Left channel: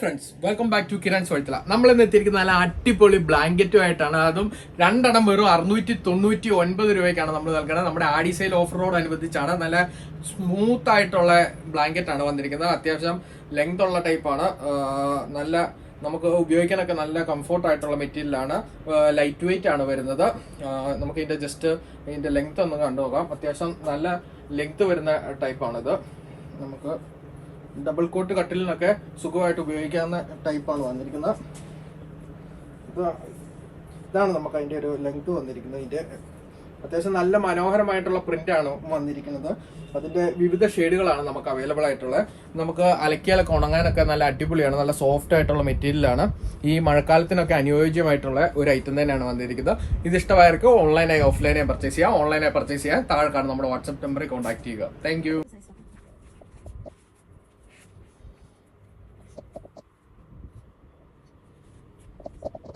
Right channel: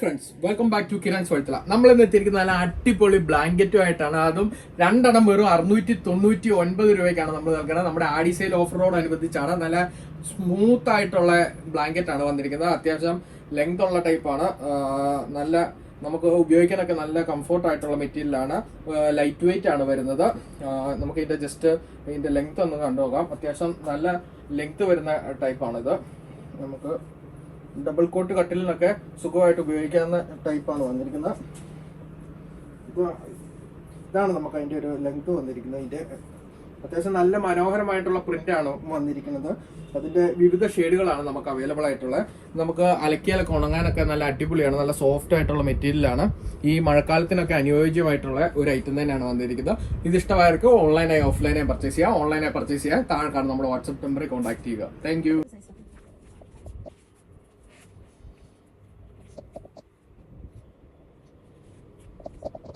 Friends welcome back to Kiran സോഴ്ത്തല നമ്മൾ ഇന്ന് എത്തിയിരിക്കുന്ന നല്ല അടിപൊളി ബ്ലാങ്കറ്റും ആയിട്ടാണ് അതും രണ്ടെണ്ണം വെറും അറുന്നൂറ്റി തൊണ്ണൂറ്റി ഒൻപത് രൂപയ്ക്കാണ് നമ്മൾ നൽകുന്നത്. നമ്മുടെ ആഡി സെയിൽ ഓഫ് റോഡ് അനുബന്ധിച്ചാണ് നല്ല സ്മൂത്ത് ആയിട്ടുള്ള ബ്ലാങ്കറ്റ് ആണ് വന്നിരിക്കുന്നത്. അത്യാവശ്യം ലെങ്ത് ഉള്ള ടൈപ്പാണ് നല്ല നമുക്ക് ഉപയോഗിക്കാനൊക്കെ നല്ല കംഫോർട്ട് ആയിട്ടുള്ള മെറ്റീരിയലാണ് ലൈറ്റ് വെയിറ്റ് ആണ് വരുന്നത്. നമുക്ക് ഇതിന്റെ ജസ്റ്റ് ഇതിന്റെ ലെങ്ത് ഒന്ന് കണ്ടു നോക്കാം അത്യാവശ്യം നല്ല ലെങ്ത് വരുന്ന ടൈപ്പാണിത് നമുക്ക് ഡബിൾ കോട്ട് കട്ടിലിനൊക്കെ സുഖമായിട്ട് ഉപയോഗിക്കാവുന്ന ടൈപ്പാണ് വന്നിരിക്കുന്നത്. ഇത് ഇതാണ് നമുക്ക് അതിന്റെ ഒരു ലെങ്ത് വന്നിരിക്കുന്നത്. ഇതിന്റെ അത്യാവശ്യം നല്ല മനോഹരമായിട്ടുള്ള പ്രിന്റ് ആണ് വന്നിരിക്കുന്നത്. അതിന്റെ വിവിധ ഷെയ്ഡുകളാണ് നമുക്ക് അവൈലബിൾ ആയിട്ടുള്ളത്. നമുക്ക് അലക്കിയാലൊക്കെ ഉണങ്ങാനൊക്കെ നല്ല അടിപൊളിയാണ്. നല്ല സോഫ്റ്റ് ആയിട്ടുള്ള മെറ്റീരിയലാണ് ഈ മഴക്കാലത്തിനൊക്കെ അനുയോജ്യമായിട്ടുള്ള ഒരു ഐറ്റം തന്നെയാണ് വന്നിരിക്കുന്നത്. ഇത് ഇഷ്ടമായവർക്ക് ഓൺലൈനായി ഓഫ്ലൈനായി പർച്ചേസ് ചെയ്യാം. ഓൺലൈനായി പർച്ചേസ് ചെയ്യാൻ താഴെ കാണുന്ന നമ്മുടെ വാട്സ്ആപ്പ് നമ്പറിൽ കോൺടാക്ട് ചെയ്യുക. താങ്ക്